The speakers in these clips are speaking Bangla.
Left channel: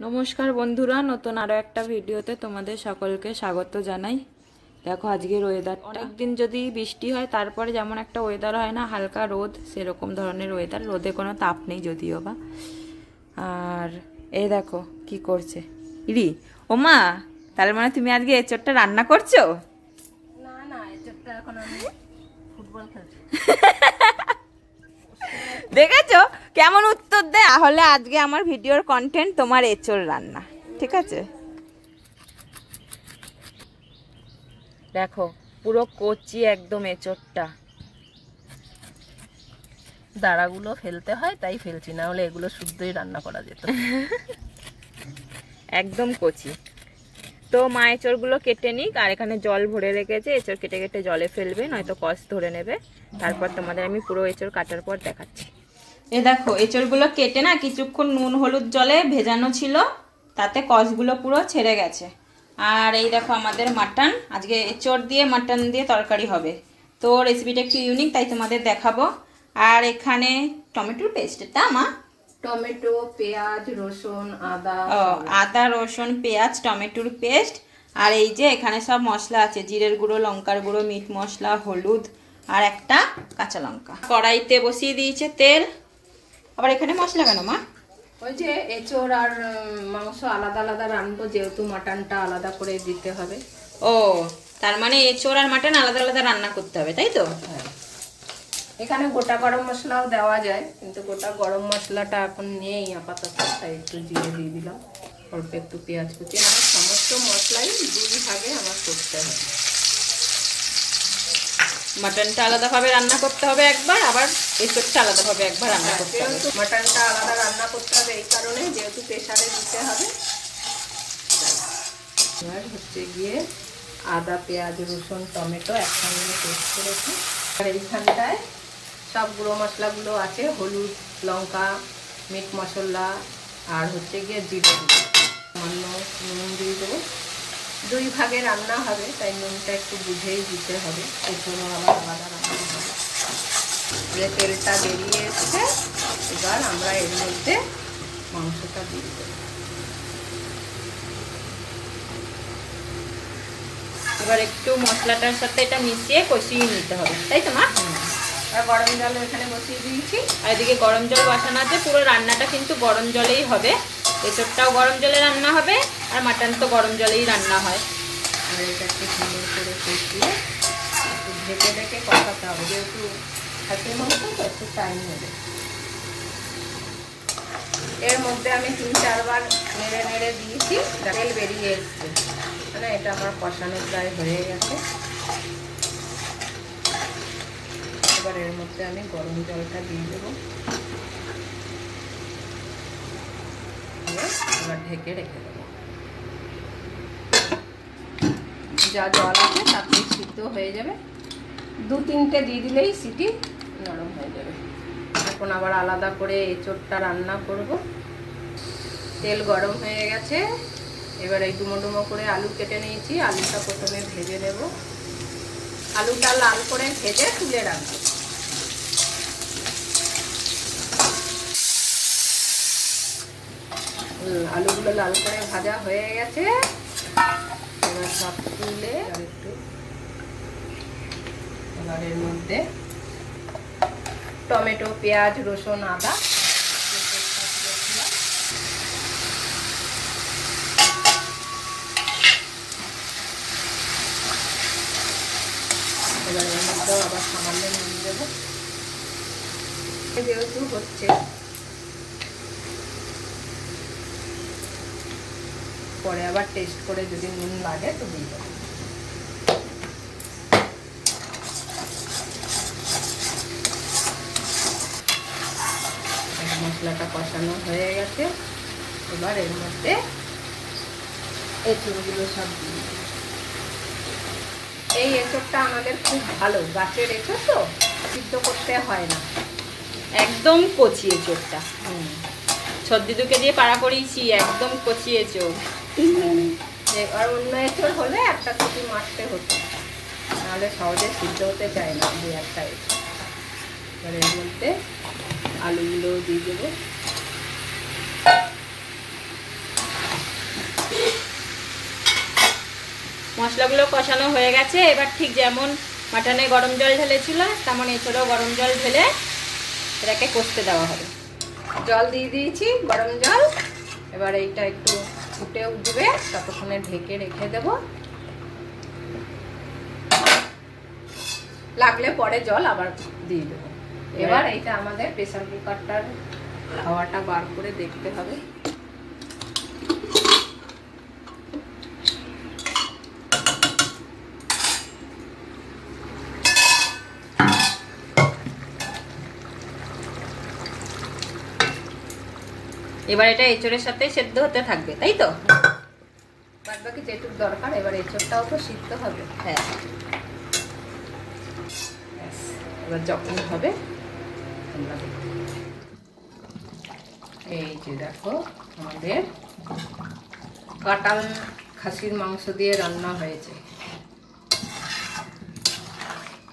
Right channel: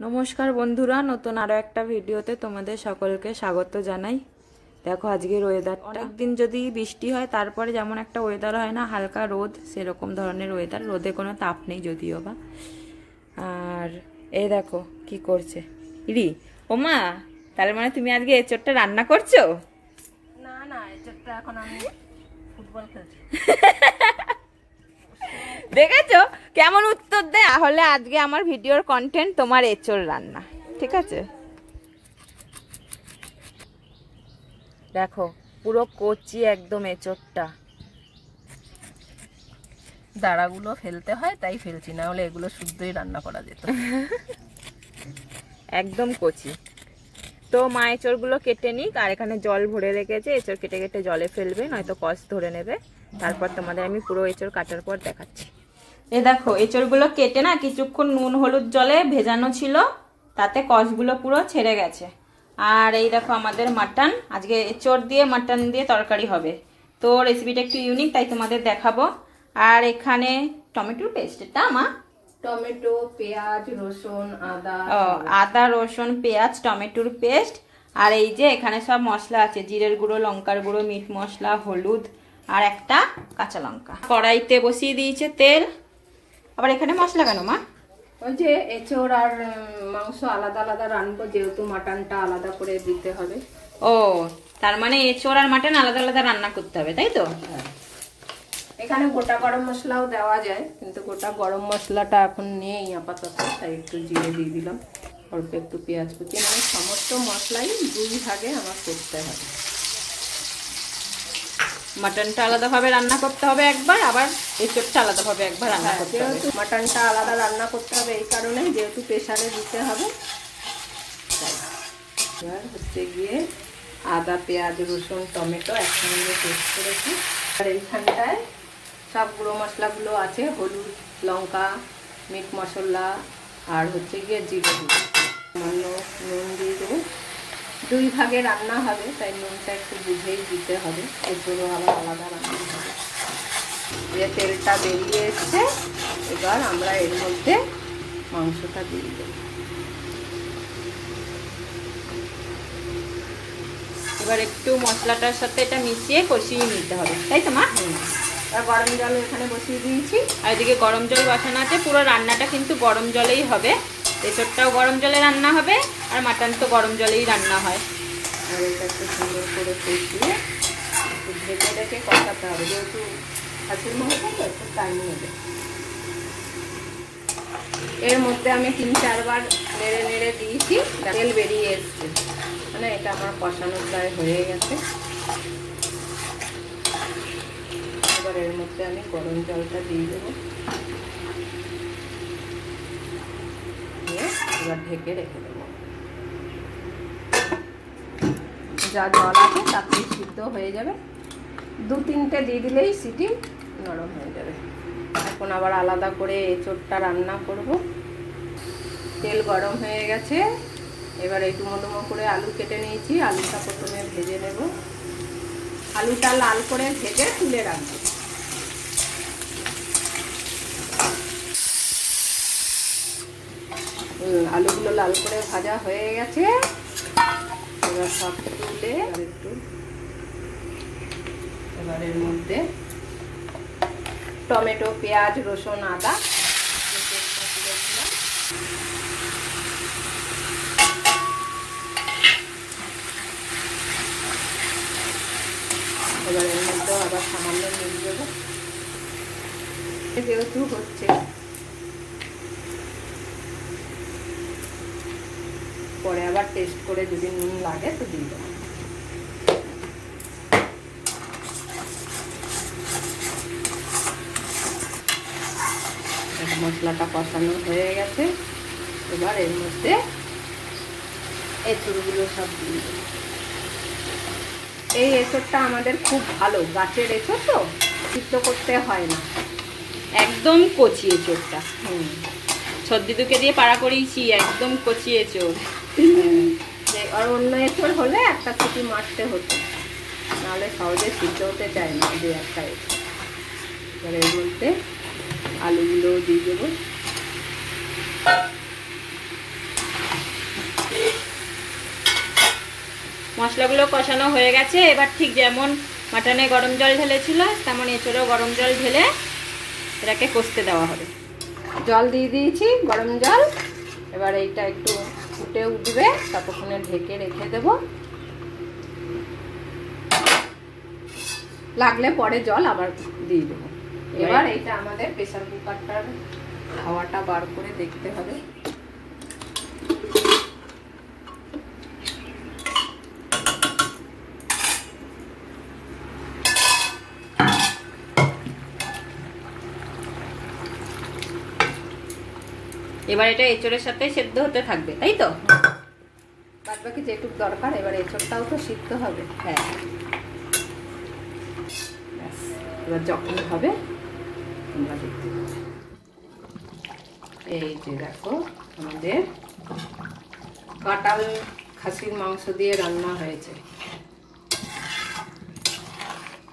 নমস্কার বন্ধুরা, নতুন আরো একটা ভিডিওতে তোমাদের সকলকে স্বাগত জানাই। দেখো আজকের ওয়েদার, অনেকদিন যদি বৃষ্টি হয় তারপরে যেমন একটা ওয়েদার হয় না, হালকা রোদ, সেরকম ধরনের ওয়েদার। রোদে কোনো তাপ নেই যদিও বা। আর এই দেখো কি করছে ইরি। ওমা, তার মানে তুমি আজকে এঁচোড়টা রান্না করছো? না না, এঁচোড়টা এখন আমি ফুটবল খেলছি। দেখেছো কেমন উত্তর দেয়? তাহলে আজকে আমার ভিডিওর কন্টেন্ট তোমার এঁচোড় রান্না, ঠিক আছে? দেখো পুরো কচি একদম এঁচোড়টা। দাঁড়াগুলো ফেলতে হয় তাই ফেলছি, না হলে এগুলো শুদ্ধই রান্না করা যেত। একদম কচি। তো মা এঁচোড়গুলো কেটে নিক, আর এখানে জল ভরে রেখেছে, এঁচোড় কেটে কেটে জলে ফেলবে, নয়তো কষ ধরে নেবে। তারপর তোমাদের আমি পুরো এঁচোড় কাটার পর দেখাচ্ছি। এ দেখো এঁচোড়গুলো কেটে না কিছুক্ষণ নুন হলুদ জলে ভেজানো ছিল, তাতে কষগুলো পুরো ছেড়ে গেছে। আর এই দেখো আমাদের মাটন, আজকে এঁচোড় দিয়ে মাটন দিয়ে তরকারি হবে। তো রেসিপিটা একটু ইউনিক, তাই তোমাদের দেখাবো। আর এখানে টমেটোর পেস্ট, তা মা? টমেটো, পেঁয়াজ, রসুন, আদা। আদা রসুন পেঁয়াজ টমেটোর পেস্ট। আর এই যে এখানে সব মশলা আছে, জিরের গুঁড়ো, লঙ্কার গুঁড়ো, মিট মশলা, হলুদ আর একটা কাঁচা লঙ্কা। কড়াইতে বসিয়ে দিয়েছে তেল। আবার এখানে মশলা কেন মা? ওই যে এঁচোড় আর মাংস আলাদা আলাদা রান্নবো, যেহেতু মাটনটা আলাদা করে দিতে হবে। ও, তার মানে এঁচোড় আর মাটন আলাদা আলাদা রান্না করতে হবে, তাই তো? এখানে গোটা গরম মশলাও দেওয়া যায়, কিন্তু গোটা গরম মশলাটা এখন নেই আপাতত, তাই একটু জিরে দিয়ে দিলাম, অল্প একটু পেঁয়াজ কুচি। আমার সমস্ত মশলাই দুই ভাগে আমার করতে হবে। মাটনটা আলাদাভাবে রান্না করতে হবে একবার, আবার এঁচোড়টা আলাদাভাবে একবার রান্না করতে হবে। যেহেতু মাটনটা আলাদা রান্না করতে হবে এই কারণে, যেহেতু প্রেসারে দিতে হবে। এবার হচ্ছে গিয়ে আদা পেঁয়াজ রসুন টমেটো একসঙ্গে পেস্ট করেছি। আর এইখানটায় সব গুঁড়ো মশলাগুলো আছে, হলুদ লঙ্কা মিট মশলা আর হচ্ছে গিয়ে জিরে দিয়ে সামান্য নুন দিয়ে দেবো। দুই ভাগে রান্না হবে, তাই নুনটা একটু বুঝেই দিতে হবে, এর জন্য আবার আলাদা রান্না হবে। যে তেলটা বেরিয়ে এসছে, এবার আমরা এর মধ্যে মাংসটা দিয়ে দেবো। এবার একটু মশলাটার সাথে এটা মিশিয়ে কষিয়ে নিতে হবে, তাই তো মা? আর গরম জল এখানে বসিয়ে দিয়েছি। আর এদিকে গরম জল বসানো আছে। পুরো রান্নাটা কিন্তু গরম জলেই হবে। এঁচোড়টাও গরম জলে রান্না হবে, আর মাটন তো গরম জলেই রান্না হয়। আর এটা একটু সুন্দর করে কষিয়ে একটু ঢেকে ঢেকে কষাতে হবে, যেহেতু হাঁসের মাংস তো একটু টাইম নেবে। এর মধ্যে আমি 3-4 বার নেড়ে নেড়ে দিয়েছি, তেল বেরিয়ে এসছে, মানে এটা আমার কষানো প্রায় হয়ে গেছে। এবার এর মধ্যে আমি গরম জলটা দিয়ে দেবো, এবার ঢেকে রেখে দেবো। যা জল আছে তাতেই সিদ্ধ হয়ে যাবে, 2-3টে দিয়ে দিলেই সিটি নরম হয়ে যাবে। এখন আবার আলাদা করে এঁচোড়টা রান্না করব। তেল গরম হয়ে গেছে, এবার এই ডুমো ডুমো করে আলু কেটে নিয়েছি, আলুটা প্রথমে ভেজে নেব। আলুটা লাল করে ভেজে তুলে রাখবো। আলুগুলো লাল করে ভাজা হয়ে গেছে, এবার সব তুলে একটু এবার এর মধ্যে টমেটো পেঁয়াজ রসুন আদা এবার এর মধ্যে আবার সামান্য নুন দেবো, যেহেতু হচ্ছে। পরে আবার টেস্ট করে যদি নুন লাগে তো দিয়ে দেবো। মশলাটা কষানো হয়ে গেছে, এবার এর মধ্যে এঁচোড়গুলো সব দিয়ে দেবো। এই এঁচোড়টা আমাদের খুব ভালো, গাছের এঁচোড় তো, সিদ্ধ করতে হয় না, একদম কচি এঁচোড়টা। সর্দিদুকে দিয়ে পাড়া করিয়েছি, একদম কচি এঁচোড়। আর অন্য এঁচোড় হলে একটা সিটি মারতে হতো, নাহলে সহজে সিদ্ধ হতে চায় না দু একটা এঁচোড়। এর মধ্যে আলুগুলো দিয়ে দেবো। মশলাগুলো কষানো হয়ে গেছে। এবার ঠিক যেমন মাটনে গরম জল ঢেলেছিল তেমন এছাড়াও গরম জল ঢেলে এটাকে কষতে দেওয়া হবে। জল দিয়ে দিয়েছি, গরম জল। এবার এইটা একটু ফুটে উঠবে, ততক্ষণে ঢেকে রেখে দেব। লাগলে পরে জল আবার দিয়ে দেবো। এবার এইটা আমাদের প্রেসার কুকারটার হাওয়াটা বার করে দেখতে হবে। এবার এটা এঁচড়ের সাথে সেদ্ধ হতে থাকবে, তাই তো? বাদ বাকি যেটুকু দরকার, এবার এঁচড়টাও তো সিদ্ধ হবে। হ্যাঁ, এবার যখন হবে তোমরা দেখতে। এই যে দেখো, আমাদের কাঁঠাল খাসির মাংস দিয়ে রান্না হয়েছে।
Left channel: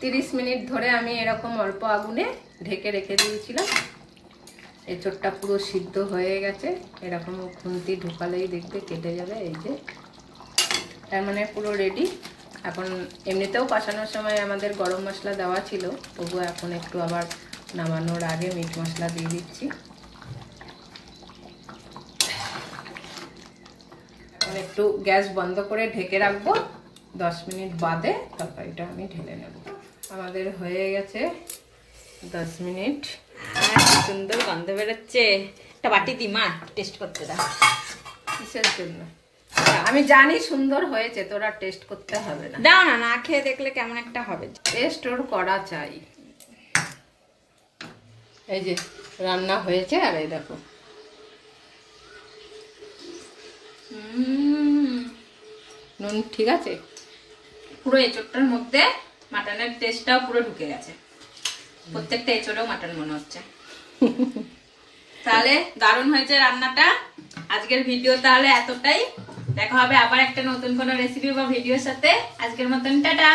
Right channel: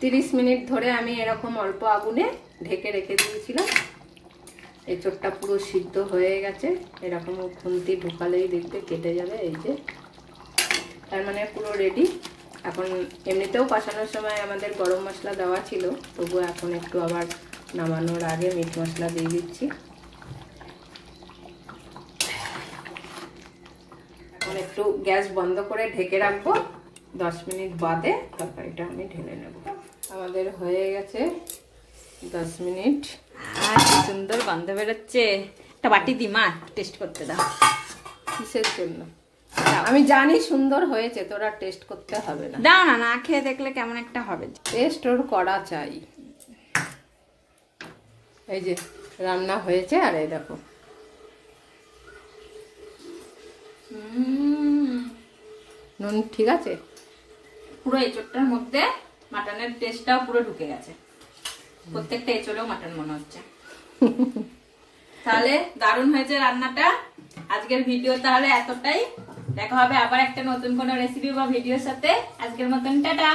30 মিনিট ধরে আমি এরকম অল্প আগুনে ঢেকে রেখে দিয়েছিলাম। এঁচড়টা পুরো সিদ্ধ হয়ে গেছে। এরকম খুন্তি ঢুকালেই দেখতে কেটে যাবে। এই যে, তার মানে পুরো রেডি। এখন এমনিতেও কষানোর সময় আমাদের গরম মশলা দেওয়া ছিল, তবুও এখন একটু আবার নামানোর আগে মিট মশলা দিয়ে দিচ্ছি। এখন একটু গ্যাস বন্ধ করে ঢেকে রাখবো। 10 মিনিট বাদে তরকারিটা আমি ঢেলে নেব। আমাদের হয়ে গেছে 10 মিনিট। আর কি সুন্দর গন্ধ বেরোচ্ছে। একটা বাটি দি মা, টেস্ট করতে দাও। কিসের জন্য? আমি জানি সুন্দর হয়েছে, তোরা টেস্ট করতে হবে না। দাও না, না খেয়ে দেখলে কেমন একটা হবে। টেস্ট ওর করা চাই। এই যে রান্না হয়েছে, আর এই দেখো নুন ঠিক আছে। পুরো এঁচড়টার মধ্যে মাটনের টেস্টটাও পুরো ঢুকে গেছে। প্রত্যেকটা এঁচড়েও মাটন মনে হচ্ছে। তাহলে দারুণ হয়েছে রান্নাটা। আজকের ভিডিও তাহলে এতটাই। দেখা হবে আবার একটা নতুন কোনো রেসিপি বা ভিডিওর সাথে। আজকের মতন টাটা।